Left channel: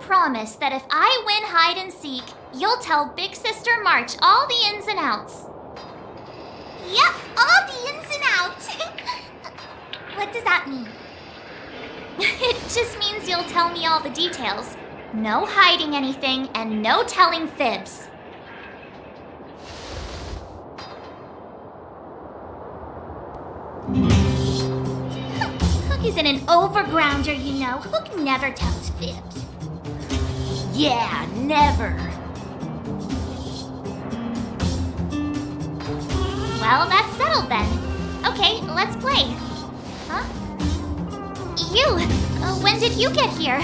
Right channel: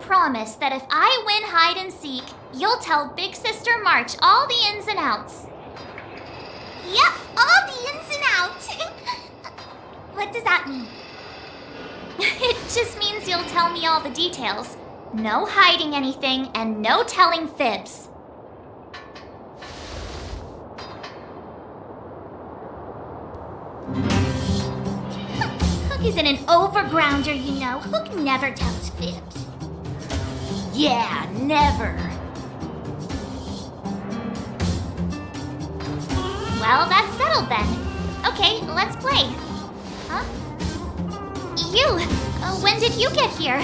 promise that if I win hide and seek, you'll tell Big Sister March all the ins and outs. Yep, all the ins and outs. What does that mean? It just means you'll tell me all the details. No hiding anything and no telling fibs. Hook isn't an overgrounder, you know. Hook never tells fibs. Yeah, never. Well, that's settled then. Okay, let's play. Huh? You! When did you get here?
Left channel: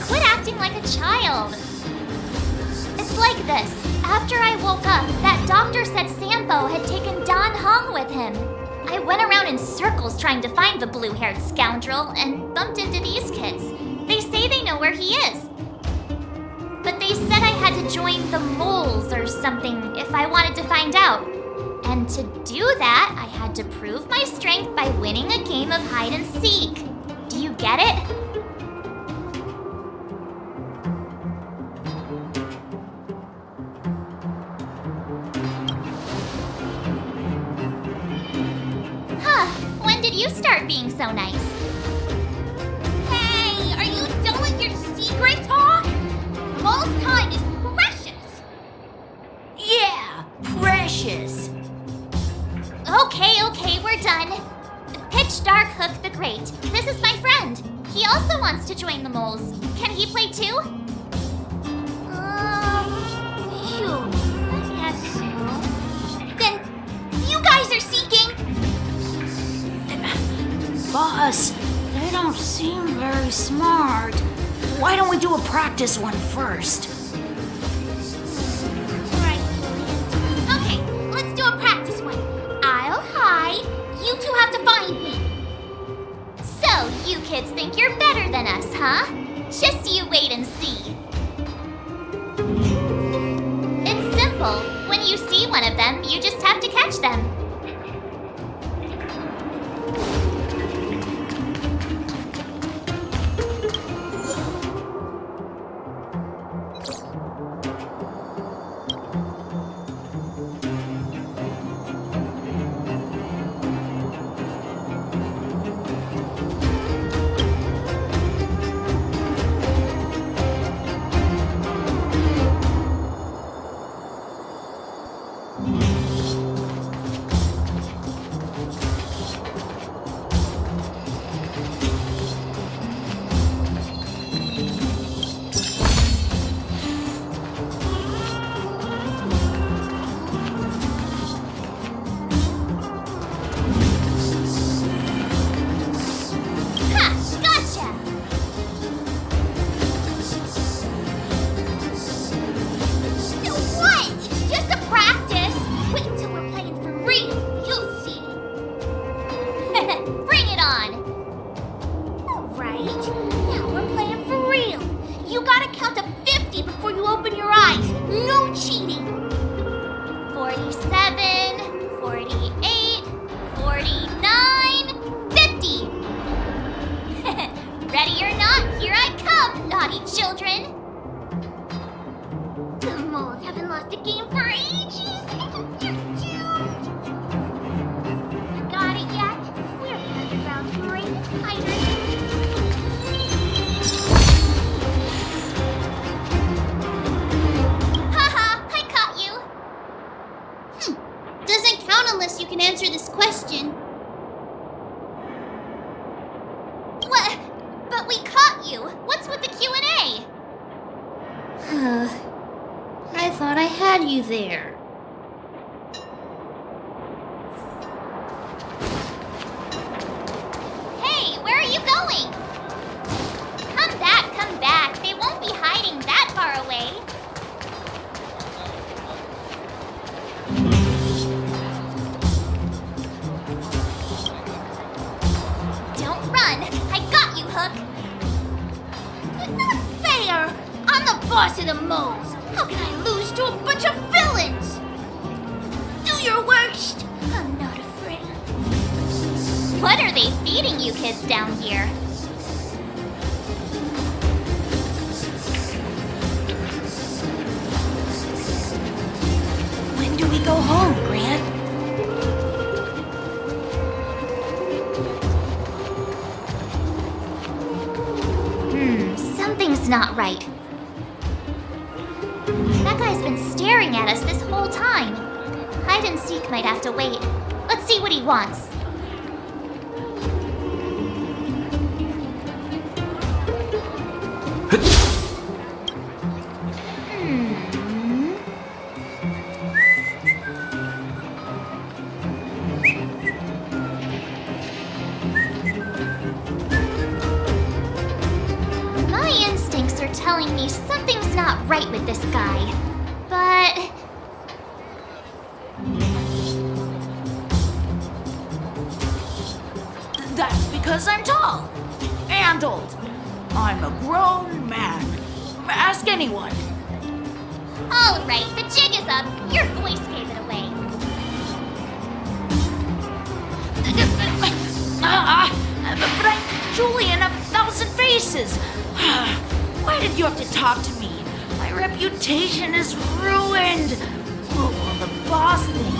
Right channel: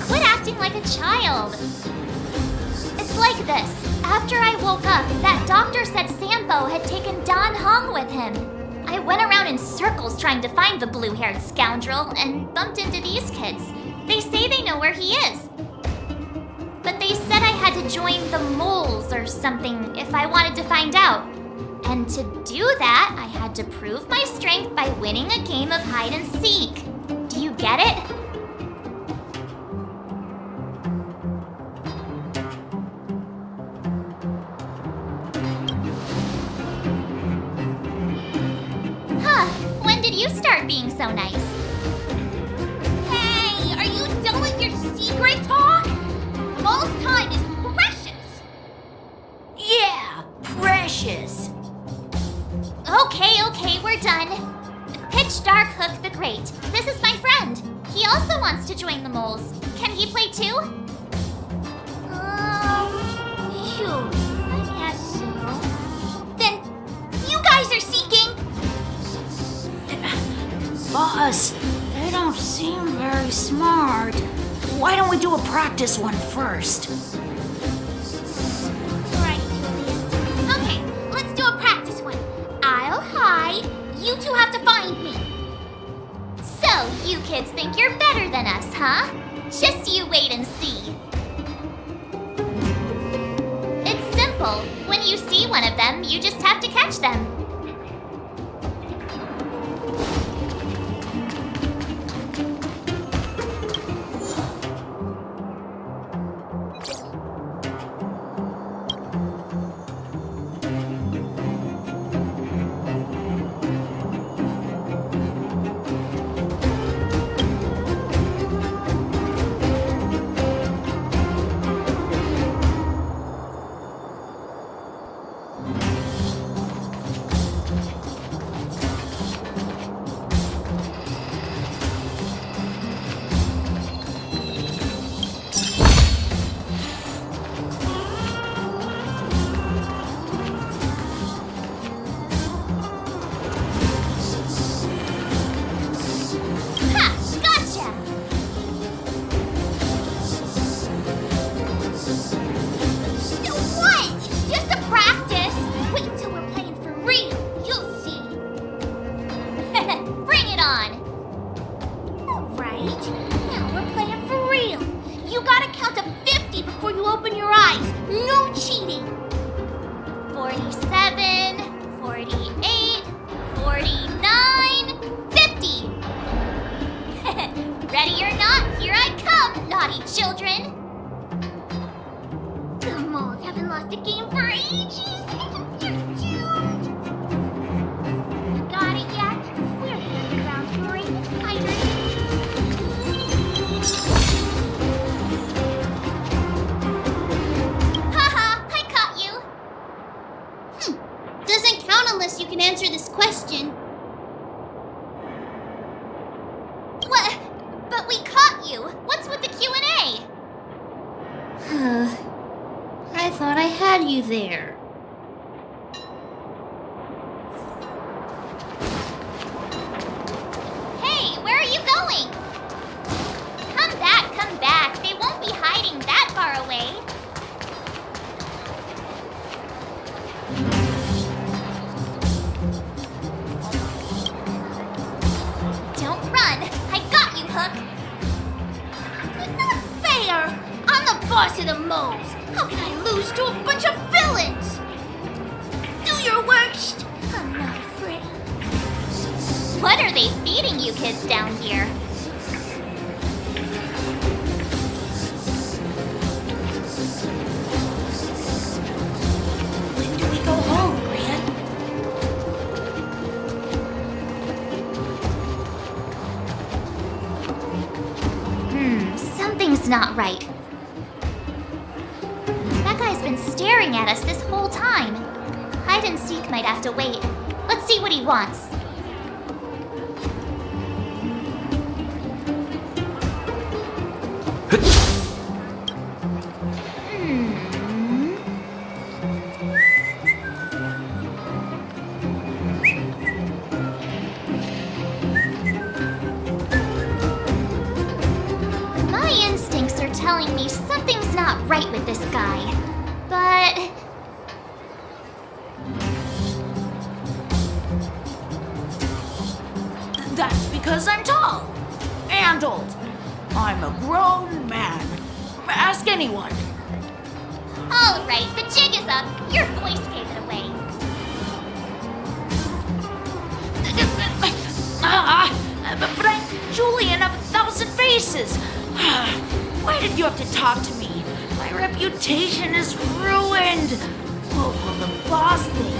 Quit acting like a child. It's like this. After I woke up, that doctor said Sampo had taken Don Hong with him. I went around in circles trying to find the blue-haired scoundrel and bumped into these kids. They say they know where he is. But they said I had to join the moles or something if I wanted to find out. And to do that, I had to prove my strength by winning a game of hide and seek. Do you get it? Huh, when did you start being so nice? Hey, are you done with your secret talk? The most time is precious. Yeah, precious. Okay, we're done. Pitch Dark Hook the Great. This is my friend. He also wants to join the moles. Can he play too? Sure, I guess so. Then, you guys are seeking? Boss, they don't seem very smart. Why don't we do a practice one first? Right, Julian. Okay, let's do a practice one. I'll hide. You two have to find me. So, you kids think you're better than us, huh? Just you wait and see. It's simple. When you see one of them, you just have to catch them. Open your eyes. No cheating. 47, 48, 49, 50. Ready or not, here I come, naughty children. The moles haven't lost a game for ages. You're doomed. Got it yet? We're the underground's greatest hiders. Doesn't count unless you can answer this question. What? But we caught you. What's with the Q&A? I thought I had you there. Hey, where are you going? Come back. They won't be hiding that far away. Don't run. I got you, Hook. Not fair. I'm the boss of the moles. How can I lose to a bunch of villains? Do your worst. I'm not afraid. What are they feeding you kids down here? When do we go home, Grant? Something's not right. That guy's been staring at us this whole time. Hide and seek might have to wait. Let's see what he wants. My instincts are telling me something's not right with this guy. But That's because I'm tall and old. I'm a grown man. Ask anyone. all right, the jig is up. Your voice gave it away. But I'm Julian of 1,000 Faces. Why did you have to talk to me? My reputation is ruined. What will the boss think?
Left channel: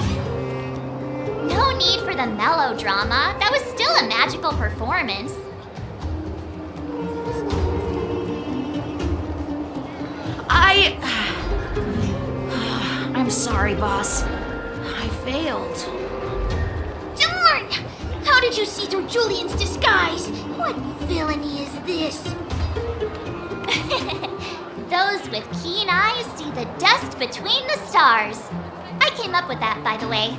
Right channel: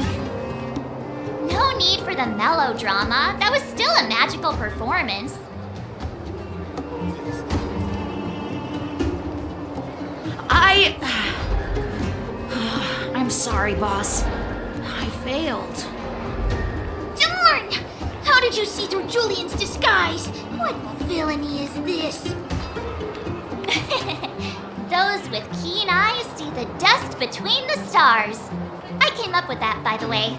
No need for the melodrama. That was still a magical performance. I'm sorry, boss. I failed. Darn! How did you see through Julian's disguise? What villainy is this? Those with keen eyes see the dust between the stars. I came up with that, by the way.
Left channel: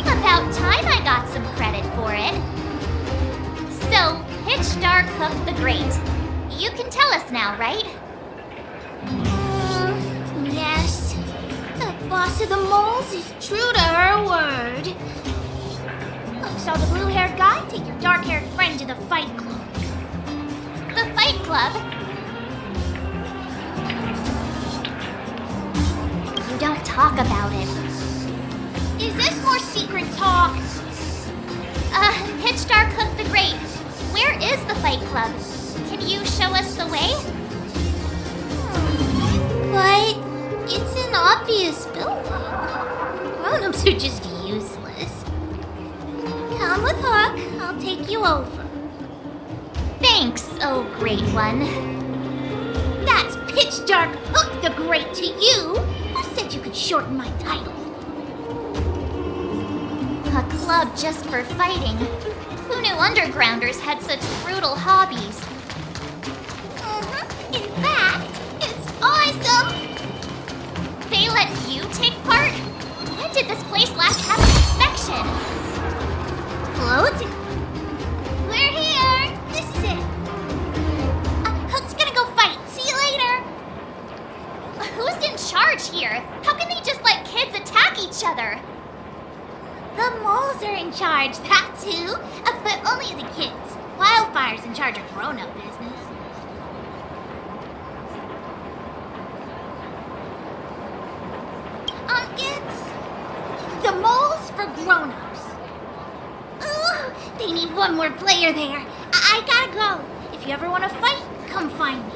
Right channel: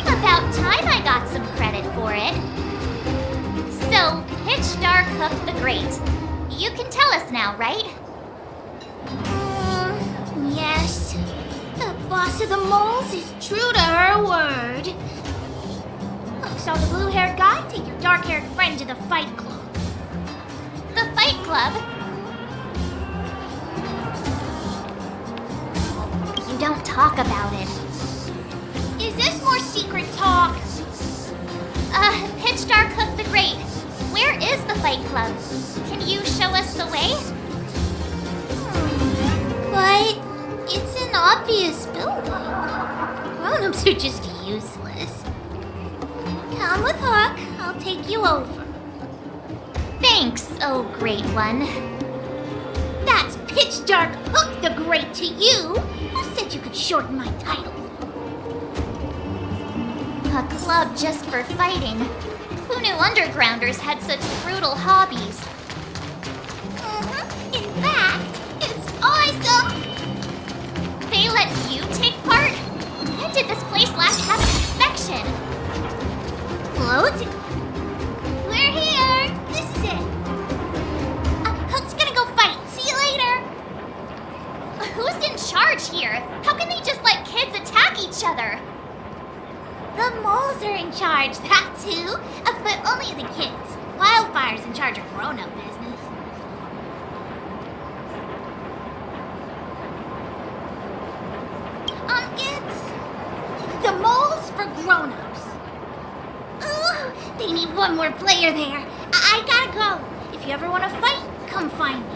About time I got some credit for it. So, Pitch Dark Hook the Great. You can tell us now, right? Yes. The boss of the moles is true to her word. Look, so the blue-haired guy, take your dark-haired friend to the fight club. The Fight Club? You don't talk about it. Is this more secret talk? Pitch Dark Hook the Great. Where is the Fight Club? Can you show us the way? But it's an obvious building. Grown-ups are just useless. Come with Hook. I'll take you over. Thanks, oh great one. That's Pitch Dark Hook the Great to you. Who said you could shorten my title? A club just for fighting. Who knew undergrounders had such brutal hobbies? In fact, it's awesome. They let you take part? When did this place last have an inspection? Float? We're here. This is it. Hook's gonna go fight. See you later. Who's in charge here? How can they just let kids attack each other? The moles are in charge, that's who. But only the kids. Wildfire's in charge of grown-up business. It's the moles for grown-ups. Ooh, they need one more player there. I gotta go. If you ever want to fight, come find me.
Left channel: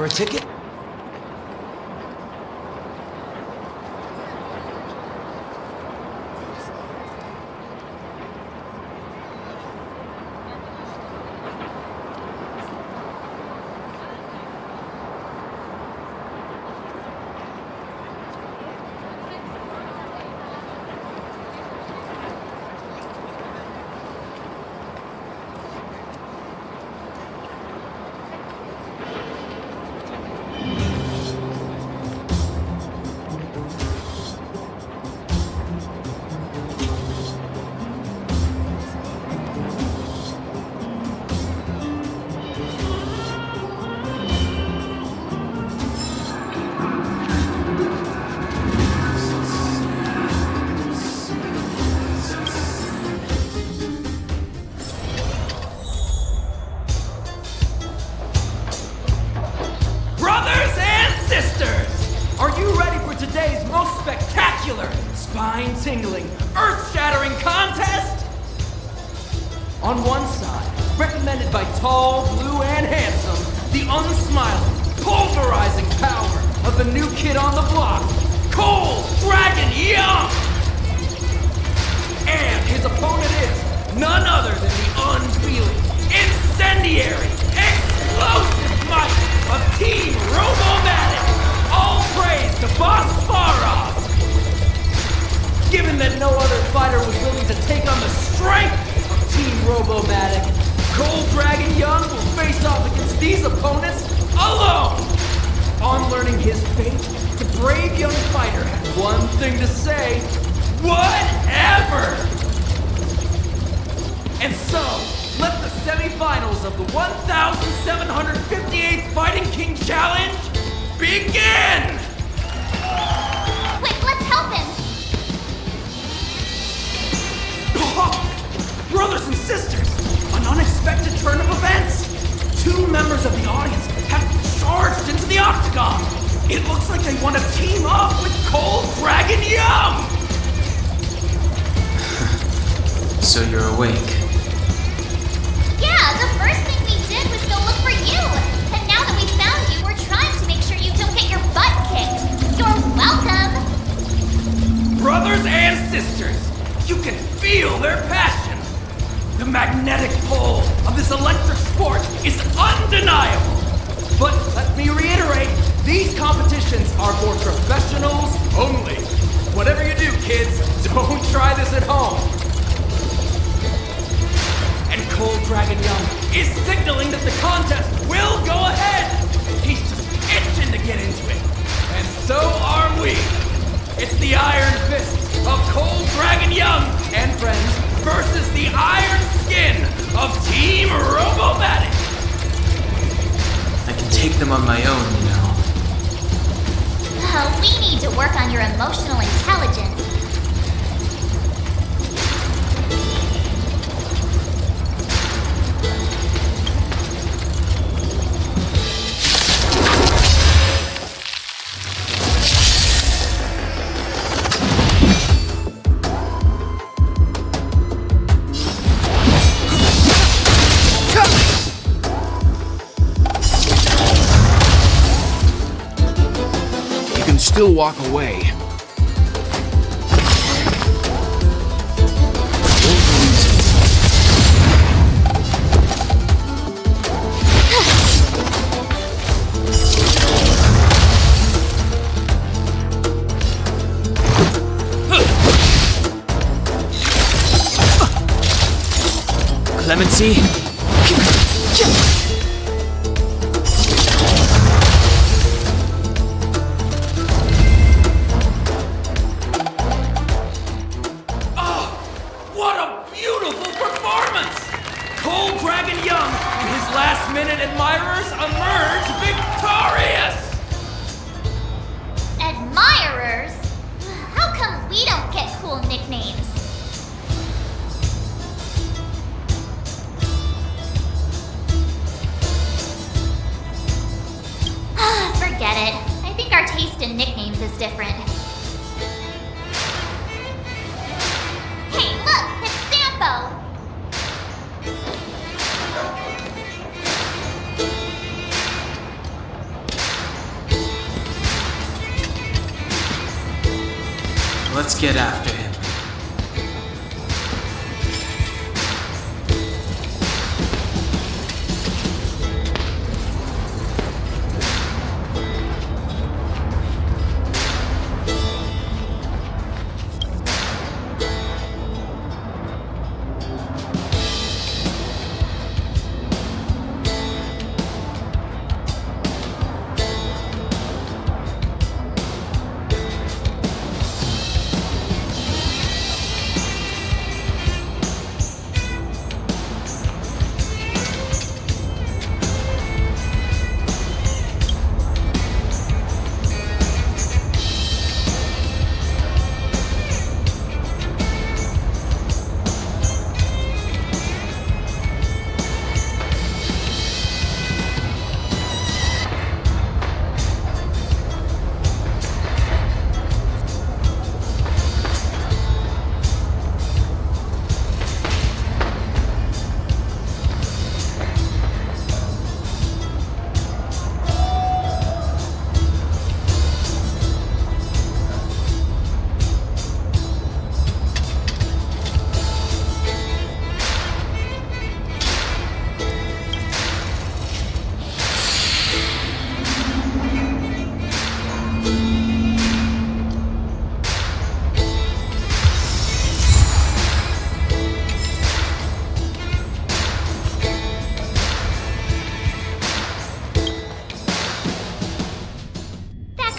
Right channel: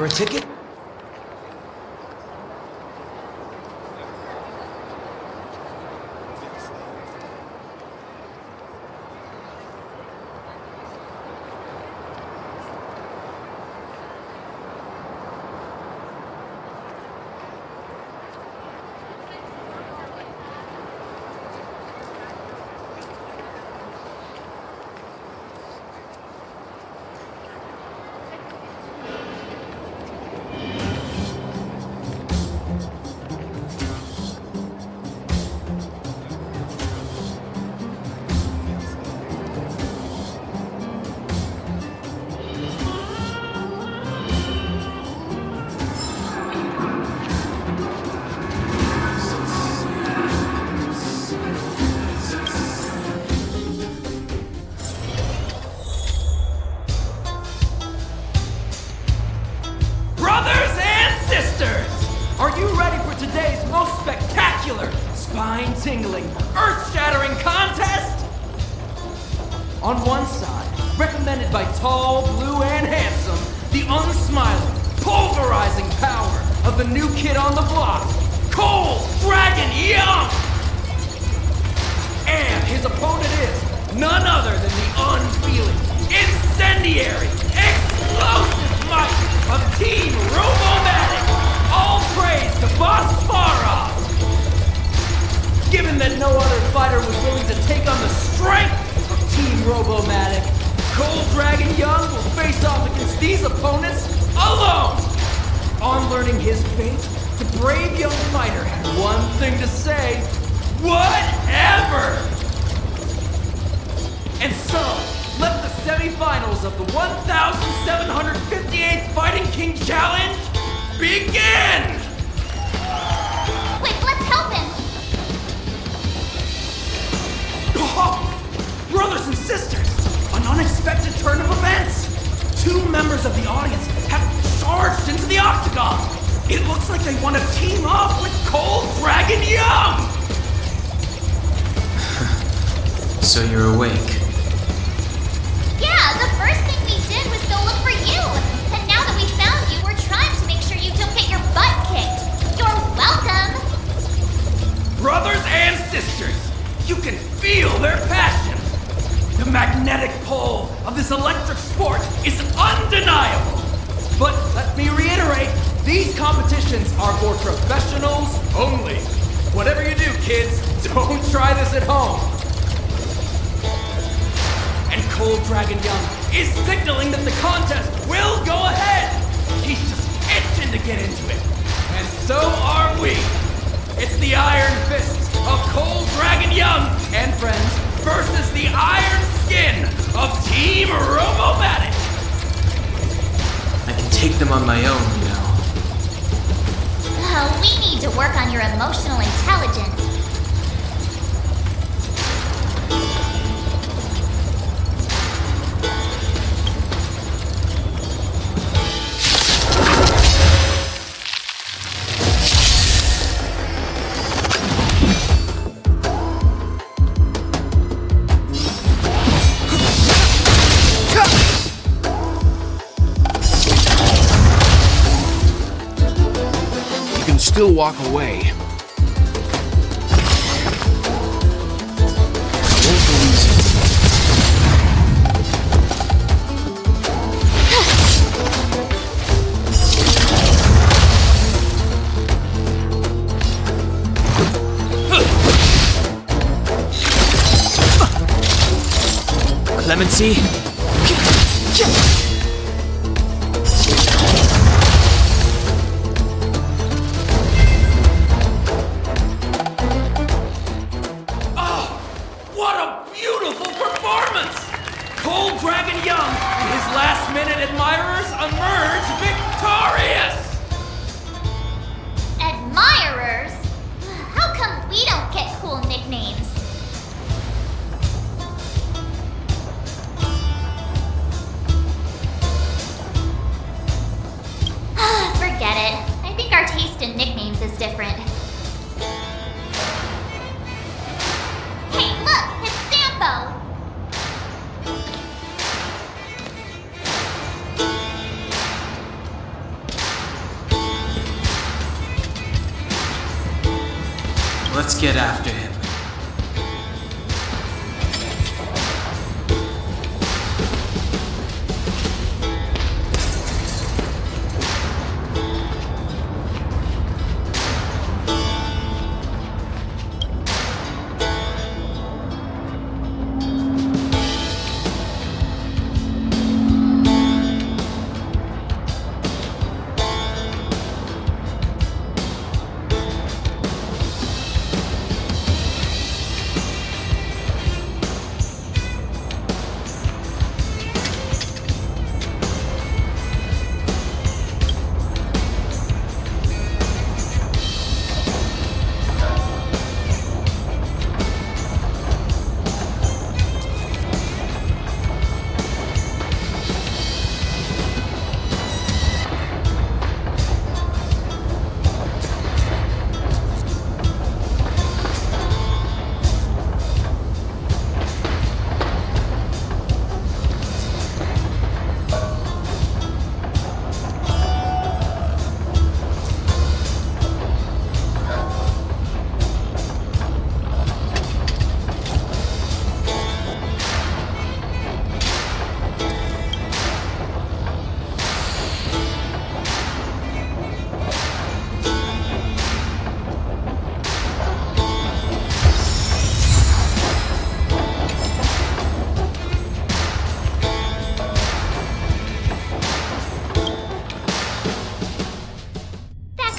for a ticket? Brothers and sisters, are you ready for today's most spectacular, spine-tingling, earth-shattering contest? On one side, recommended by tall, blue, and handsome, the unsmiling, pulverizing power of the new kid on the block, Cold Dragon Young! And his opponent is none other than the unfeeling, incendiary, explosive might of Team Robomatic! All praise to Boss Farov! Given that no other fighter was willing to take on the strength of Team Robomatic, Cold Dragon Young will face off against these opponents alone! On learning his fate, the brave young fighter had one thing to say: whatever! And so, let the semifinals of the 1,758th Fighting King Challenge begin! Quick, let's help him! Oh, brothers and sisters, an unexpected turn of events! Two members of the audience have charged into the octagon! It looks like they want to team up with Cold Dragon Young! So you're awake. Yeah, the first thing we did was go look for you! And now that we found you, we're trying to make sure you don't get your butt kicked! You're welcome! Brothers and sisters, you can feel their passion! The magnetic pull of this electric sport is undeniable! But let me reiterate, these competitions are for professionals only. Whatever you do, kids, don't try this at home. And Cold Dragon Young is signaling that the contest will go ahead! He's just itching to get into it. And so are we! It's the Iron Fists of Cold Dragon Young and friends versus the Iron Skin of Team Robomatic! I can take them on my own, you know. We need to work on your emotional intelligence. Still walk away. I won't lose it. Clemency? Cold Dragon Young and his last-minute admirers emerge victorious! Admirers? How come we don't get cool nicknames? Forget it. I think our taste in nicknames is different. Hey, look! It's Sampo! Let's get after him.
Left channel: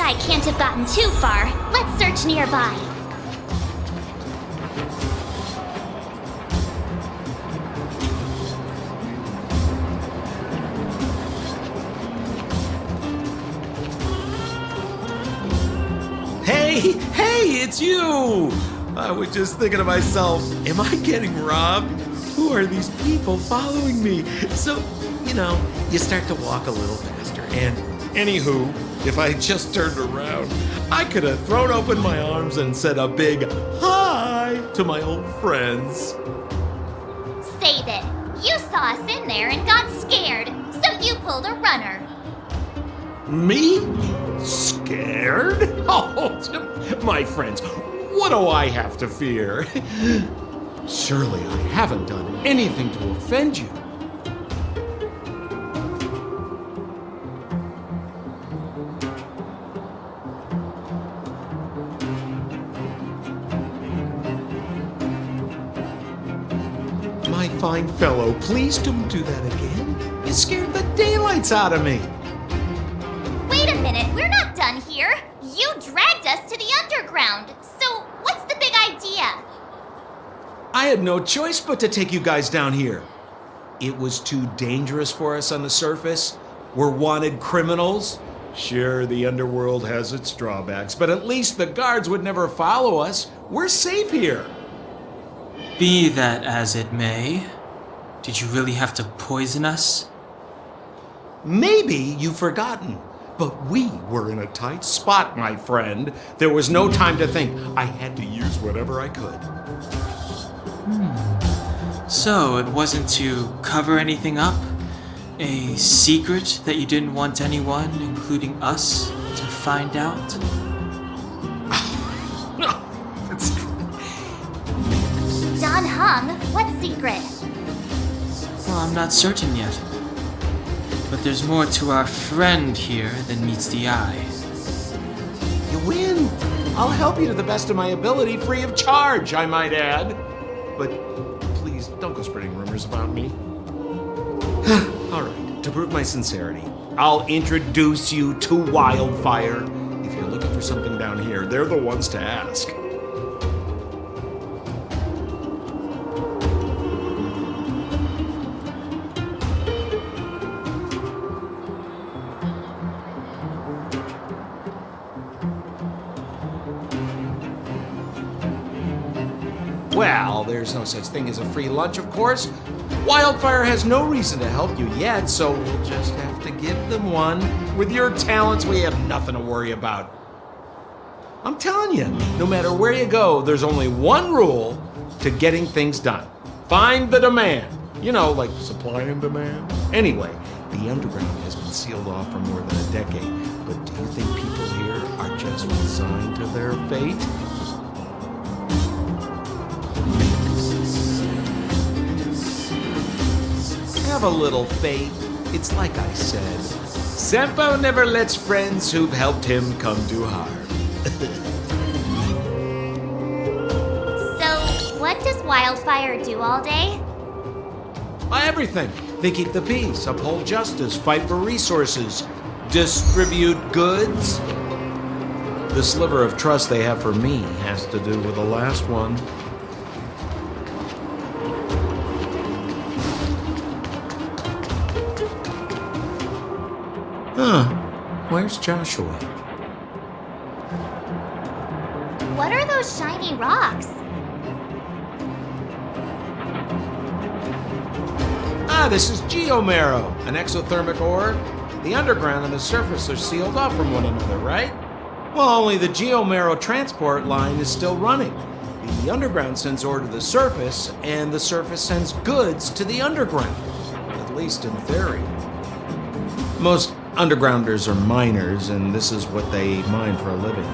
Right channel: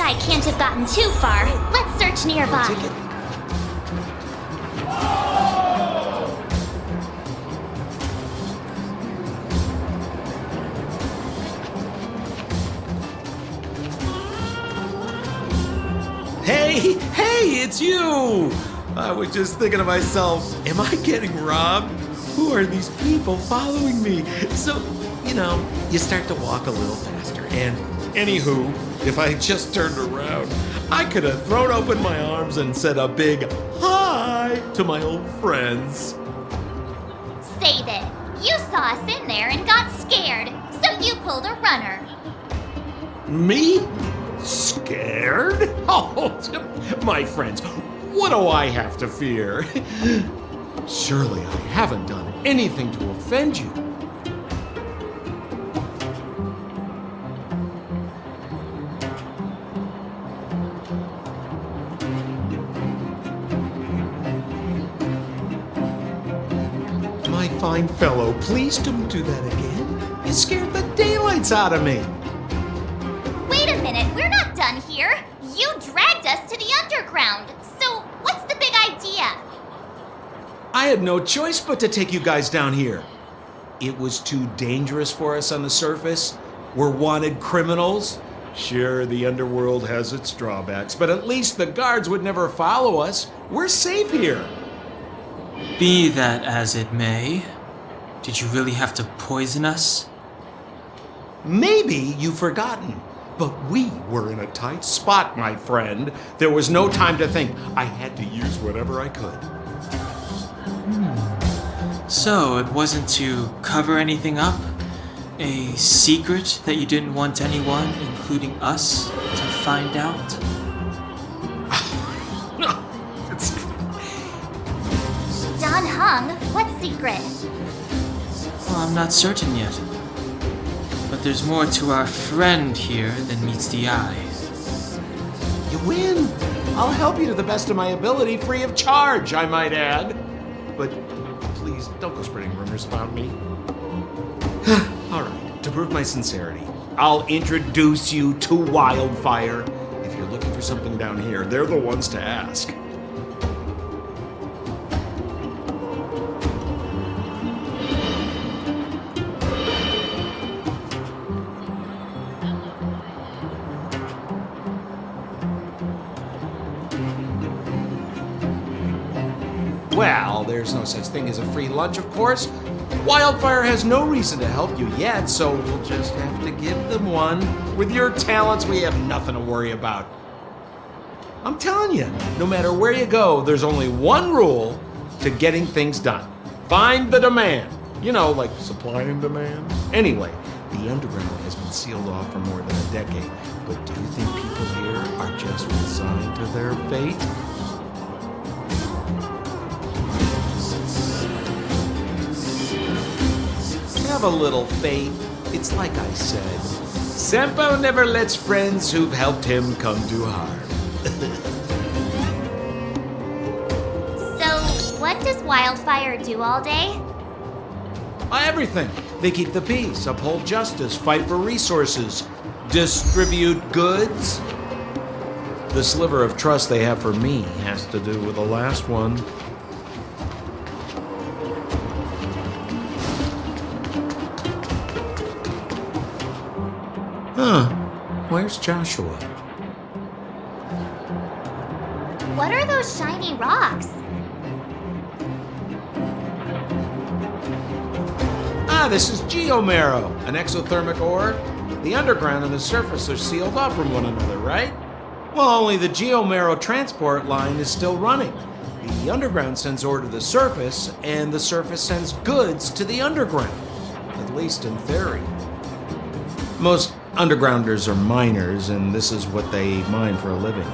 I can't have gotten too far. Let's search nearby. Hey, it's you! I was just thinking to myself, am I getting robbed? Who are these people following me? So, you start to walk a little faster. And anywho, if I just turned around, I could have thrown open my arms and said a big hi to my old friends. Save it. You saw us in there and got scared, so you pulled a runner. Me? Scared? Oh, my friends, what do I have to fear? Surely I haven't done anything to offend you. My fine fellow, please don't do that again. You scared the daylights out of me. Wait a minute, we're not done here. You dragged us to the underground. So what's the big idea? I had no choice but to take you guys down here. It was too dangerous for us on the surface. We're wanted criminals. Sure, the underworld has its drawbacks, but at least the guards would never follow us. We're safe here. Be that as it may, did you really have to poison us? Maybe you've forgotten, but we were in a tight spot, my friend. There was no time to think. I had to use whatever I could. So it wasn't to cover anything up? A secret that you didn't want anyone, including us, to find out? It's... Don Hung, what secret? Well, I'm not certain yet. But there's more to our friend here than meets the eye. You win. I'll help you to the best of my ability, free of charge, I might add. But please, don't go spreading rumors about me. All right, to prove my sincerity, I'll introduce you to Wildfire. If you're looking for something down here, they're the ones to ask. Well, there's no such thing as a free lunch, of course. Wildfire has no reason to help you yet, so we'll just have to give them one. With your talents, we have nothing to worry about. I'm telling you, no matter where you go, there's only one rule to getting things done. Find the demand. You know, like supply and demand. Anyway, the underground has been sealed off for more than a decade. But do you think people here are just resigned to their fate? Have a little faith. It's like I said. Senpo never lets friends who've helped him come to harm. So, what does Wildfire do all day? Everything. They keep the peace, uphold justice, fight for resources, distribute goods. The sliver of trust they have for me has to do with the last one. Huh. Where's Joshua? What are those shiny rocks? This is geomarrow, an exothermic ore. The underground and the surface are sealed off from one another, right? Well, only the geomarrow transport line is still running. The underground sends ore to the surface, and the surface sends goods to the underground. At least in theory. Most undergrounders are miners, and this is what they mine for a living.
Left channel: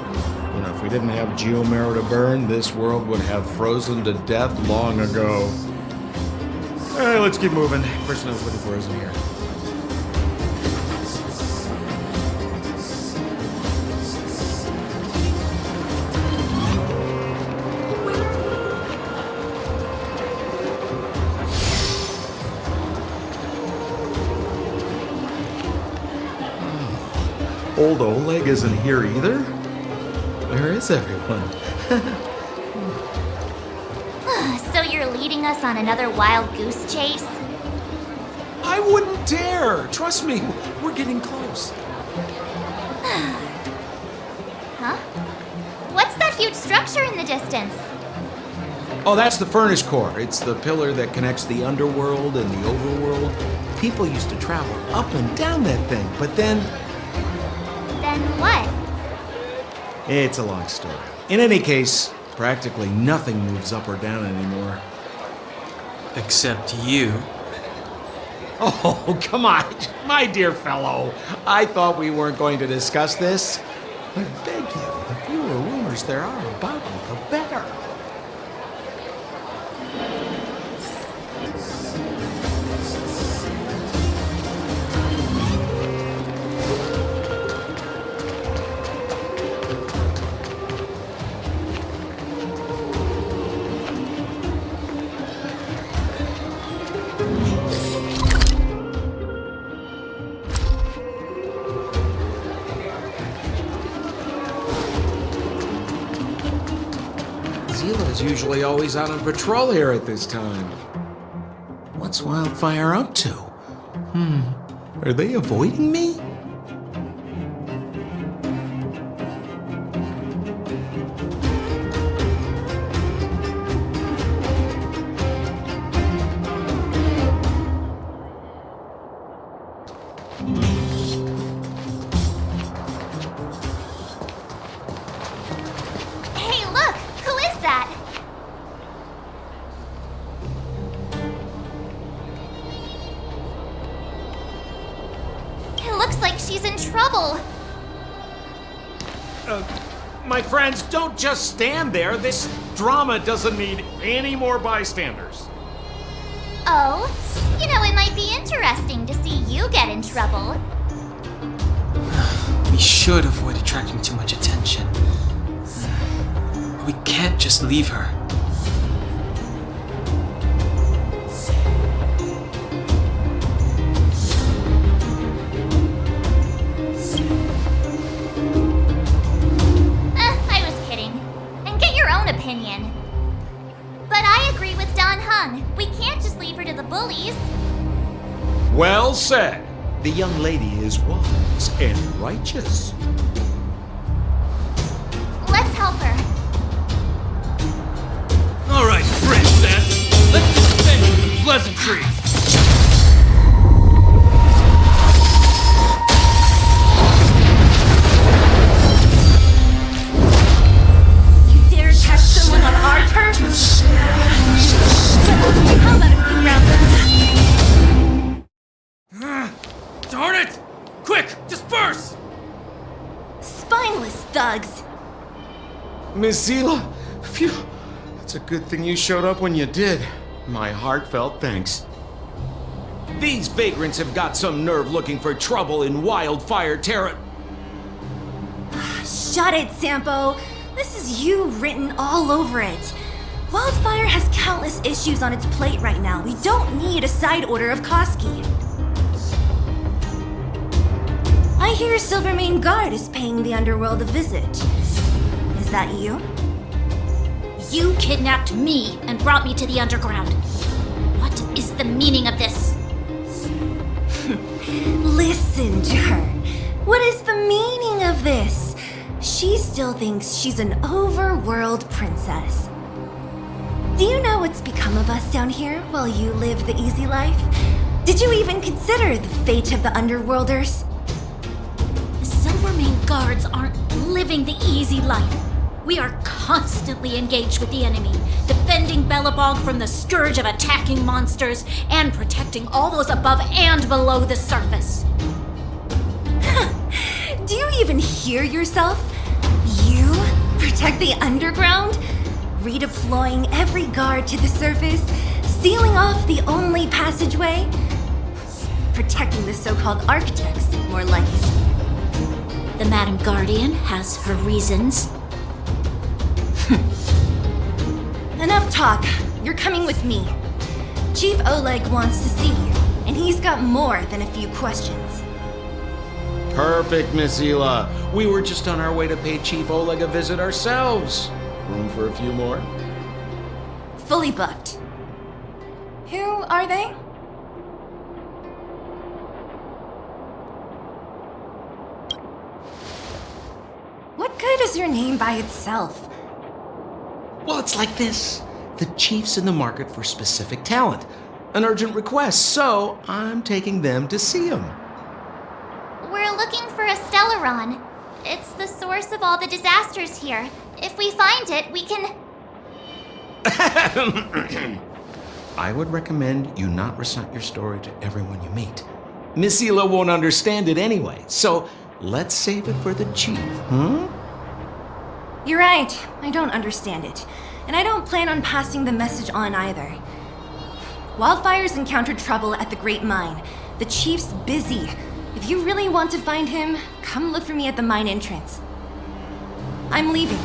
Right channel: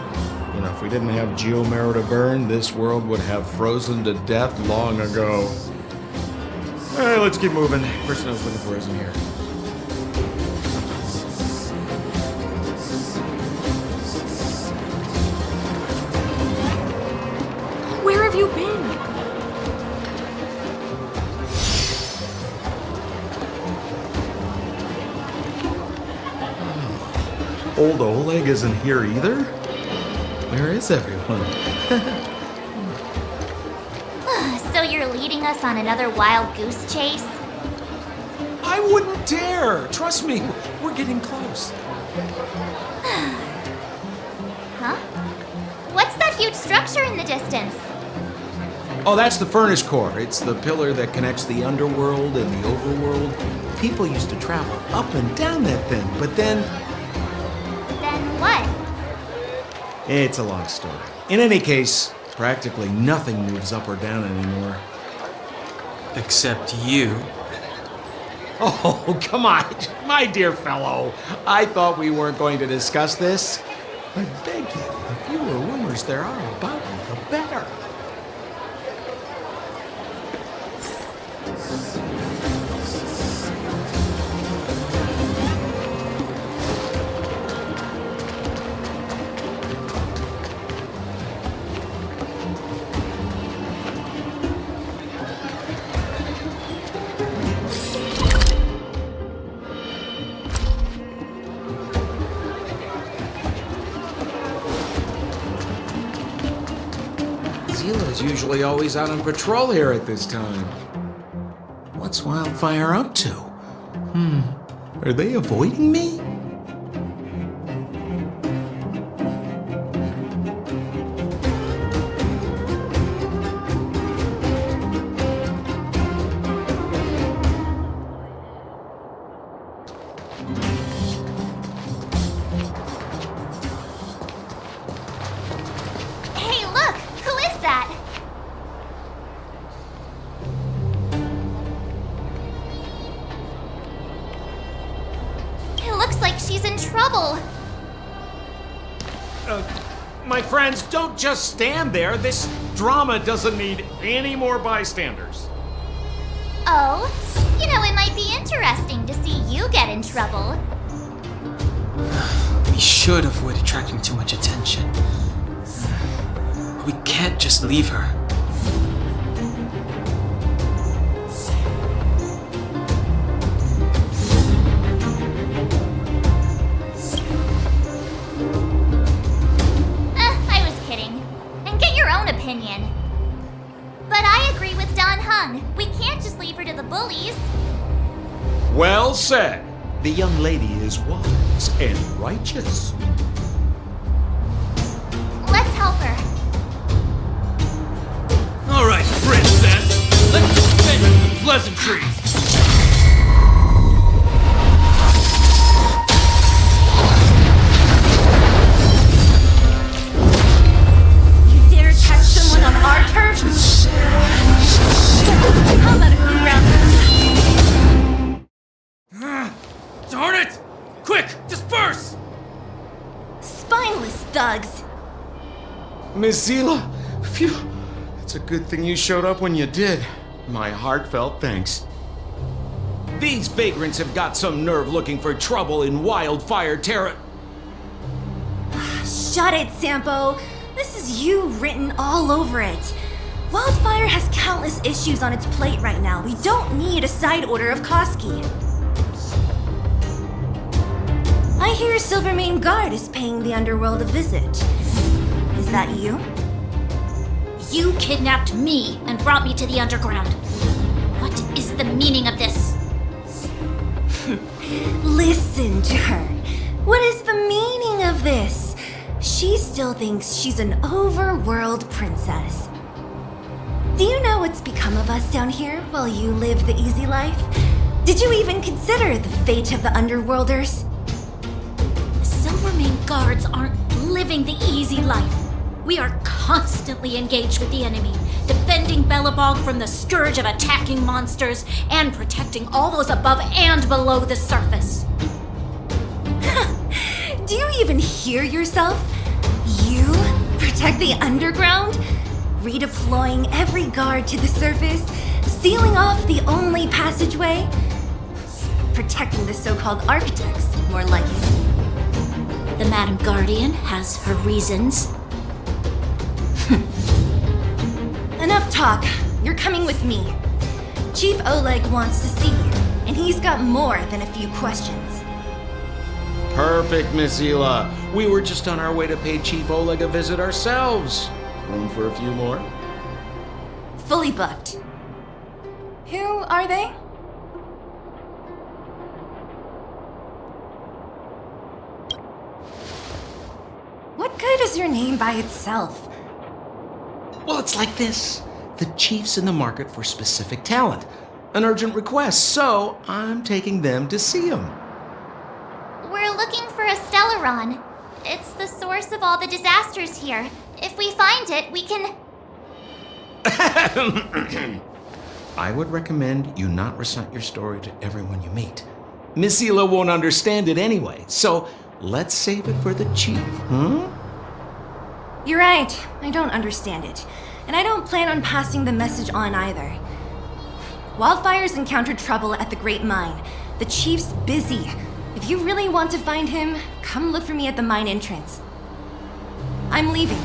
You know, if we didn't have geomarrow to burn, this world would have frozen to death long ago. All right, let's keep moving. Person I was looking for isn't here. Where have you been? Old Oleg isn't here either? Where is everyone? So you're leading us on another wild goose chase? I wouldn't dare! Trust me, we're getting close. Huh? What's that huge structure in the distance? Oh, that's the furnace core. It's the pillar that connects the underworld and the overworld. People used to travel up and down that thing, but then... Then what? It's a long story. In any case, practically nothing moves up or down anymore. Except you. Oh, come on, my dear fellow. I thought we weren't going to discuss this. I beg you, the fewer rumors there are about me, the better. Zila's usually always out on patrol here at this time. What's Wildfire up to? Are they avoiding me? Hey, look! Who is that? It looks like she's in trouble. My friends, don't just stand there. This drama doesn't need any more bystanders. Oh, you know, it might be interesting to see you get in trouble. We should avoid attracting too much attention. We can't just leave her. I was kidding. And get your own opinion. But I agree with Don Hung. We can't just leave her to the bullies. Well said. The young lady is wise and righteous. Let's help her. All right, princess. Let's dispense with the pleasantries. You dare attack someone on our turf? How about a few rounds? Darn it! Quick, disperse! Spineless thugs. Miss Zila, phew. It's a good thing you showed up when you did. My heartfelt thanks. These vagrants have got some nerve looking for trouble in Wildfire Terra. Shut it, Sampo. This is you written all over it. Wildfire has countless issues on its plate right now. We don't need a side order of Koski. I hear Silvermane Guard is paying the underworld a visit. Is that you? You kidnapped me and brought me to the underground. What is the meaning of this? Listen to her. What is the meaning of this? She still thinks she's an overworld princess. Do you know what's become of us down here while you live the easy life? Did you even consider the fate of the underworlders? The Silvermane Guards aren't living the easy life. We are constantly engaged with the enemy, defending Belobog from the scourge of attacking monsters and protecting all those above and below the surface. Do you even hear yourself? You protect the underground? Redeploying every guard to the surface? Sealing off the only passageway? Protecting the so-called architects, more like it. The Madam Guardian has her reasons. Enough talk. You're coming with me. Chief Oleg wants to see you, and he's got more than a few questions. Perfect, Miss Hila. We were just on our way to pay Chief Oleg a visit ourselves. Room for a few more? Fully booked. Who are they? What good is your name by itself? Well, it's like this. The chief's in the market for specific talent. An urgent request, so I'm taking them to see him. We're looking for a Stellaron. It's the source of all the disasters here. If we find it, we can... I would recommend you not recite your story to everyone you meet. Miss Hila won't understand it anyway, so let's save it for the chief, huh? You're right. I don't understand it. And I don't plan on passing the message on either. Wildfire's encountered trouble at the Great Mine. The chief's busy. If you really want to find him, come look for me at the mine entrance. I'm leaving.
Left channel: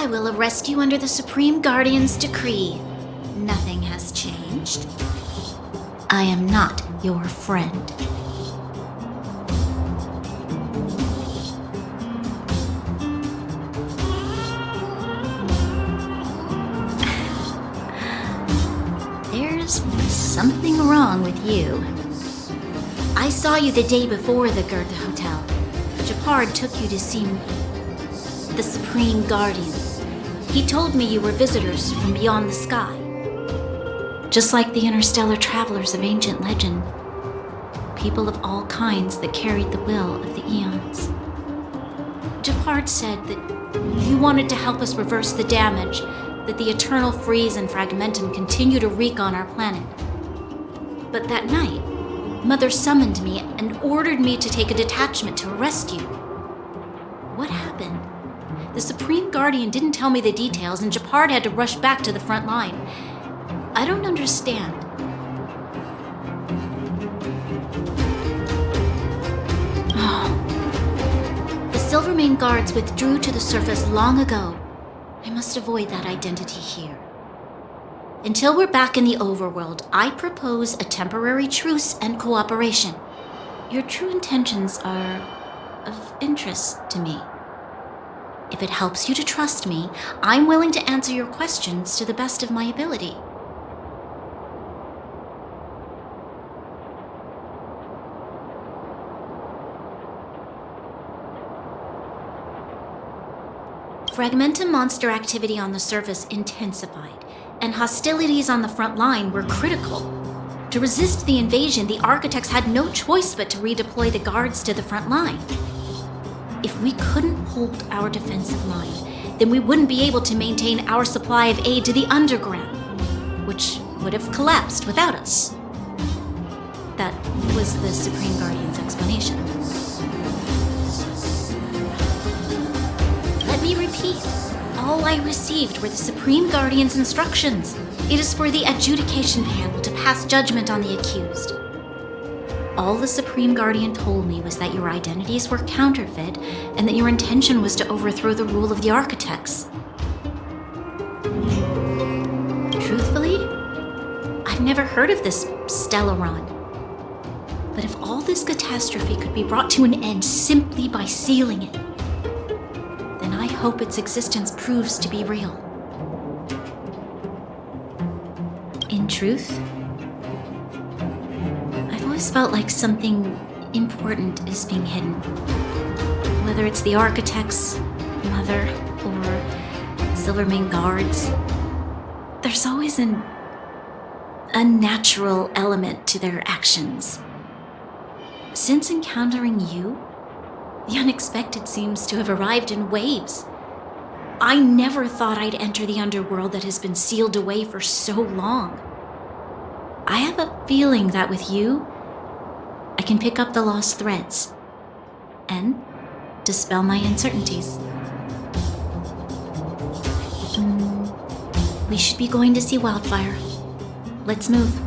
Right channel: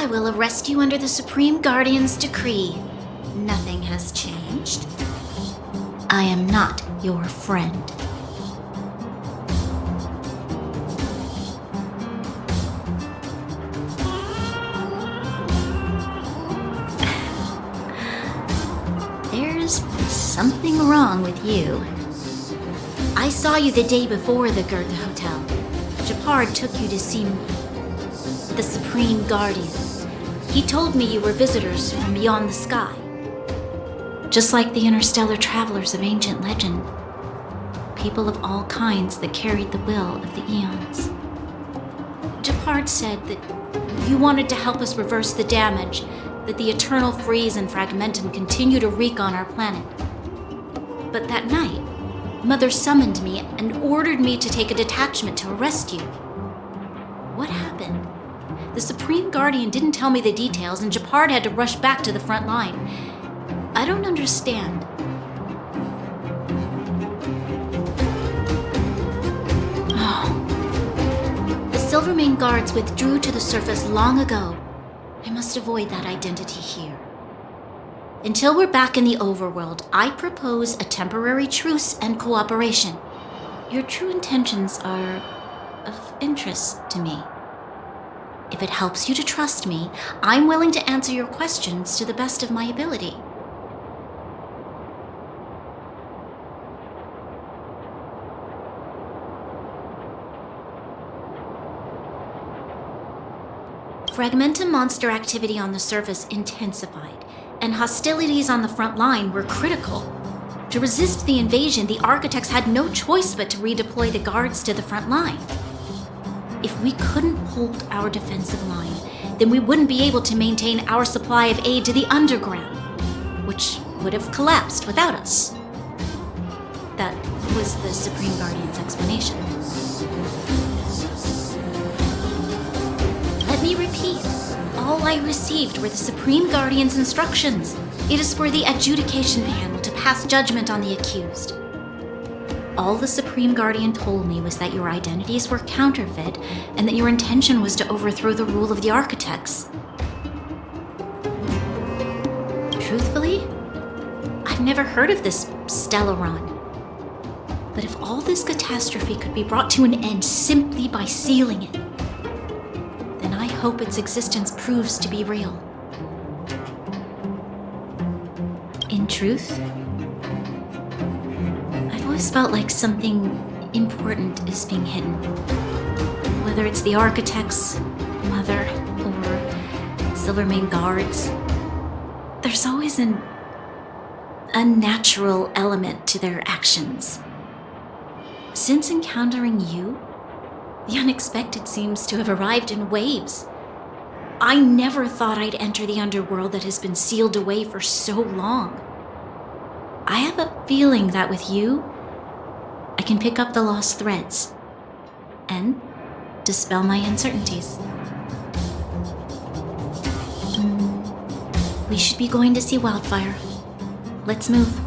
I will arrest you under the Supreme Guardian's decree. Nothing has changed. I am not your friend. There's something wrong with you. I saw you the day before the Goethe Hotel. Japard took you to see the Supreme Guardian. He told me you were visitors from beyond the sky. Just like the interstellar travelers of ancient legend. People of all kinds that carried the will of the eons. Japard said that you wanted to help us reverse the damage that the eternal freeze and fragmentum continue to wreak on our planet. But that night, Mother summoned me and ordered me to take a detachment to arrest you. What happened? The Supreme Guardian didn't tell me the details, and Japard had to rush back to the front line. I don't understand. Oh. The Silvermane guards withdrew to the surface long ago. I must avoid that identity here. Until we're back in the overworld, I propose a temporary truce and cooperation. Your true intentions are of interest to me. If it helps you to trust me, I'm willing to answer your questions to the best of my ability. Fragmentum monster activity on the surface intensified, and hostilities on the front line were critical. To resist the invasion, the architects had no choice but to redeploy the guards to the front line. If we couldn't hold our defensive line, then we wouldn't be able to maintain our supply of aid to the underground, which would have collapsed without us. That was the Supreme Guardian's explanation. Let me repeat. All I received were the Supreme Guardian's instructions. It is for the adjudication panel to pass judgment on the accused. All the Supreme Guardian told me was that your identities were counterfeit and that your intention was to overthrow the rule of the architects. Truthfully, I've never heard of this Stellaron. But if all this catastrophe could be brought to an end simply by sealing it, then I hope its existence proves to be real. In truth, I've always felt like something important is being hidden. Whether it's the architects, Mother, or Silvermane guards, there's always an unnatural element to their actions. Since encountering you, the unexpected seems to have arrived in waves. I never thought I'd enter the underworld that has been sealed away for so long. I have a feeling that with you, I can pick up the lost threads and dispel my uncertainties. We should be going to see Wildfire. Let's move.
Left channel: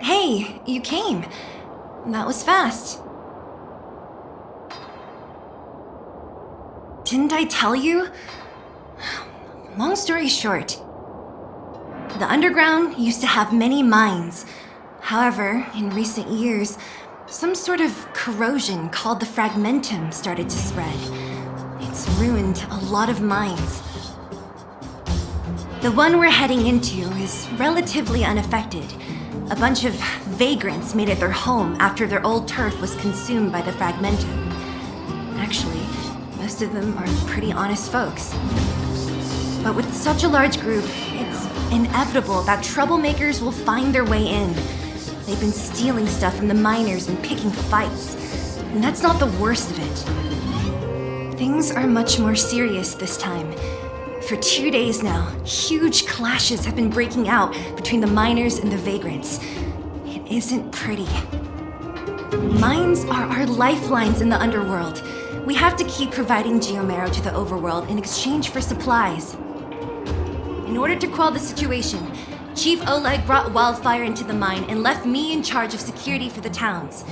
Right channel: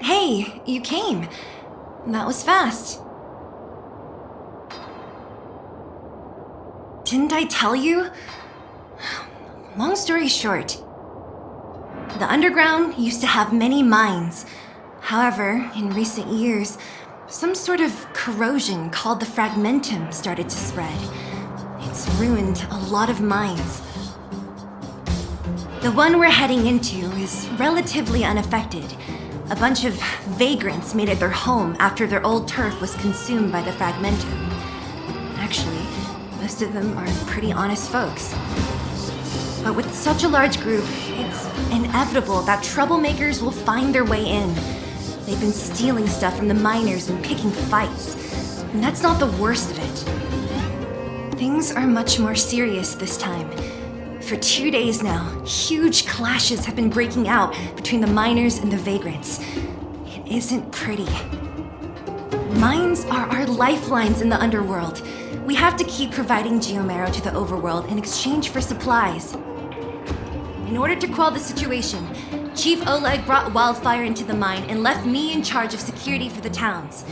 Hey, you came. That was fast. Didn't I tell you? Long story short, the underground used to have many mines. However, in recent years, some sort of corrosion called the fragmentum started to spread. It's ruined a lot of mines. The one we're heading into is relatively unaffected. A bunch of vagrants made it their home after their old turf was consumed by the fragmentum. Actually, most of them are pretty honest folks. But with such a large group, it's inevitable that troublemakers will find their way in. They've been stealing stuff from the miners and picking fights. And that's not the worst of it. Things are much more serious this time. For 2 days now, huge clashes have been breaking out between the miners and the vagrants. It isn't pretty. Mines are our lifelines in the underworld. We have to keep providing geomero to the overworld in exchange for supplies. In order to quell the situation, Chief Oleg brought Wildfire into the mine and left me in charge of security for the towns.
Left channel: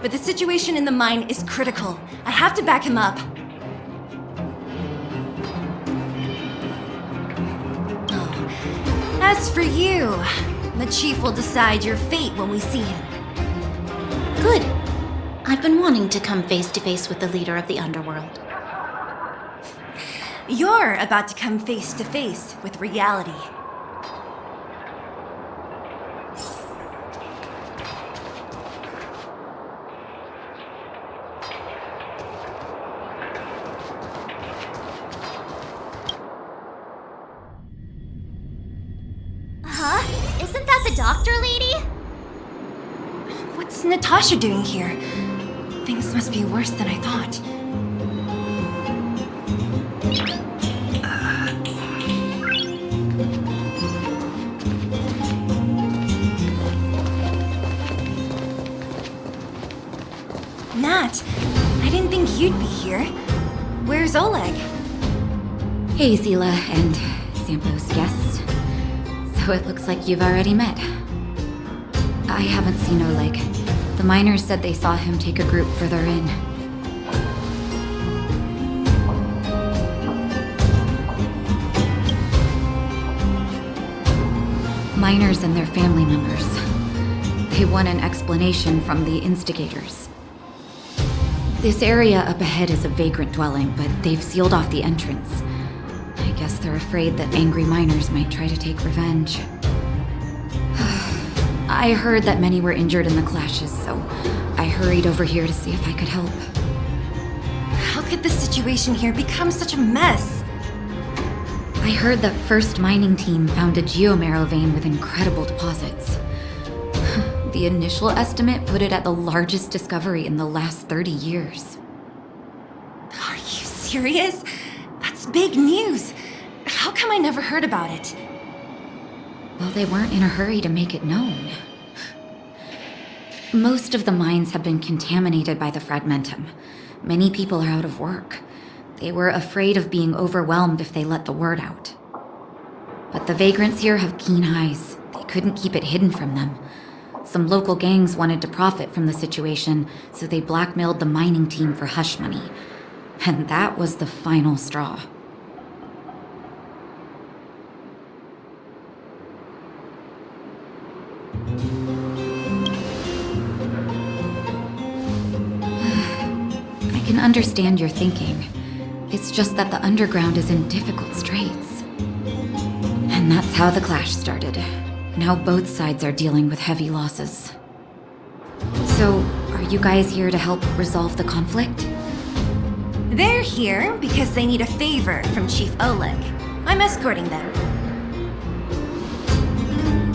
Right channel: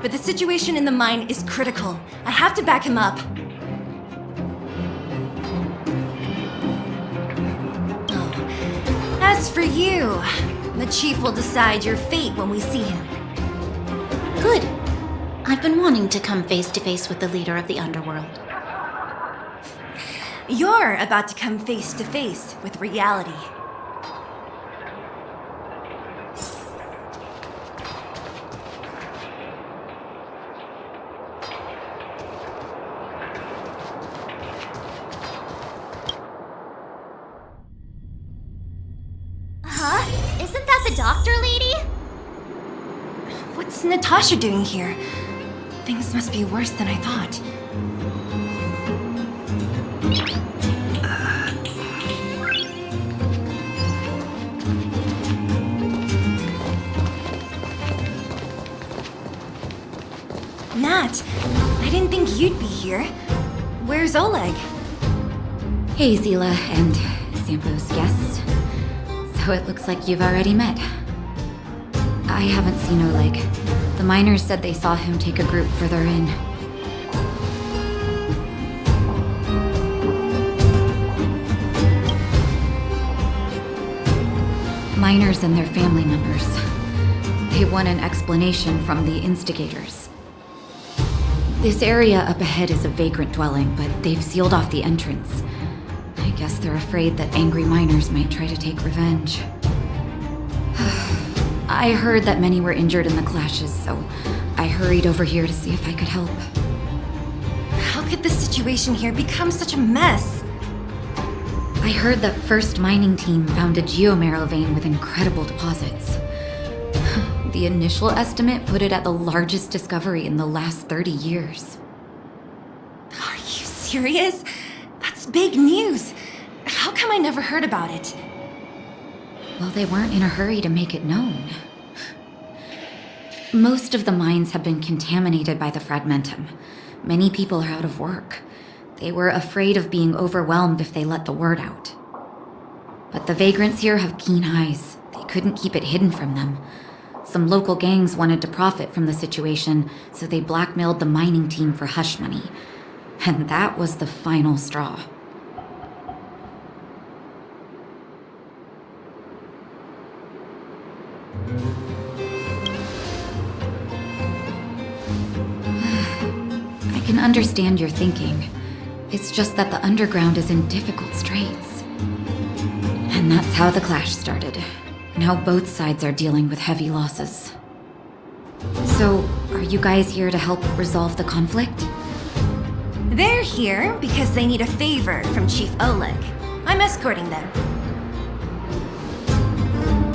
But the situation in the mine is critical. I have to back him up. As for you, the Chief will decide your fate when we see him. Good. I've been wanting to come face to face with the leader of the underworld. You're about to come face to face with reality. Huh? Isn't that the doctor lady? What's Natasha doing here? Things must be worse than I thought. Nat, I didn't think you'd be here. Where's Oleg? Hey, Zila and Sampo's guests. So it looks like you've already met. I haven't seen Oleg. The miners said they saw him take a group further in. Miners and their family members. They want an explanation from the instigators. This area up ahead is a vagrant dwelling, but they've sealed off the entrance. I guess they're afraid that angry miners might try to take revenge. I heard that many were injured in the clashes, so I hurried over here to see if I could help. How could the situation here become such a mess? I heard that First Mining Team found a geomero vein with incredible deposits. The initial estimate put it at the largest discovery in the last 30 years. Are you serious? That's big news. How come I never heard about it? Well, they weren't in a hurry to make it known. Most of the mines have been contaminated by the fragmentum. Many people are out of work. They were afraid of being overwhelmed if they let the word out. But the vagrants here have keen eyes. couldn't keep it hidden from them. Some local gangs wanted to profit from the situation, so they blackmailed the mining team for hush money. And that was the final straw. I can understand your thinking. It's just that the underground is in difficult straits. And that's how the clash started. Now both sides are dealing with heavy losses. So, are you guys here to help resolve the conflict? They're here because they need a favor from Chief Oleg. I'm escorting them.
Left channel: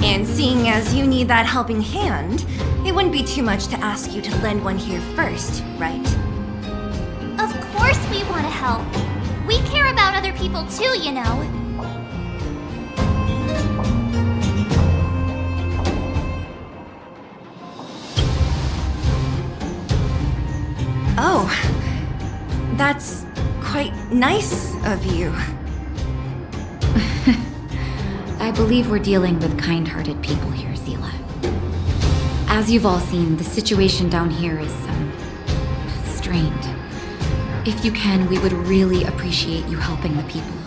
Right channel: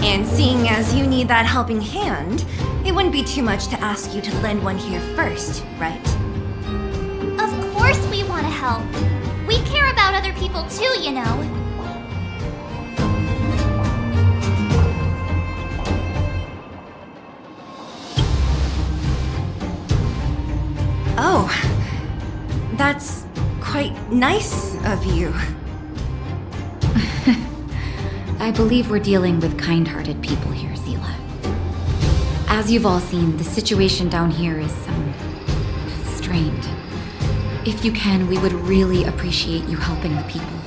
And seeing as you need that helping hand, it wouldn't be too much to ask you to lend one here first, right? Of course we want to help. We care about other people too, you know. Oh, that's quite nice of you. I believe we're dealing with kind-hearted people here, Zila. As you've all seen, the situation down here is, strained. If you can, we would really appreciate you helping the people.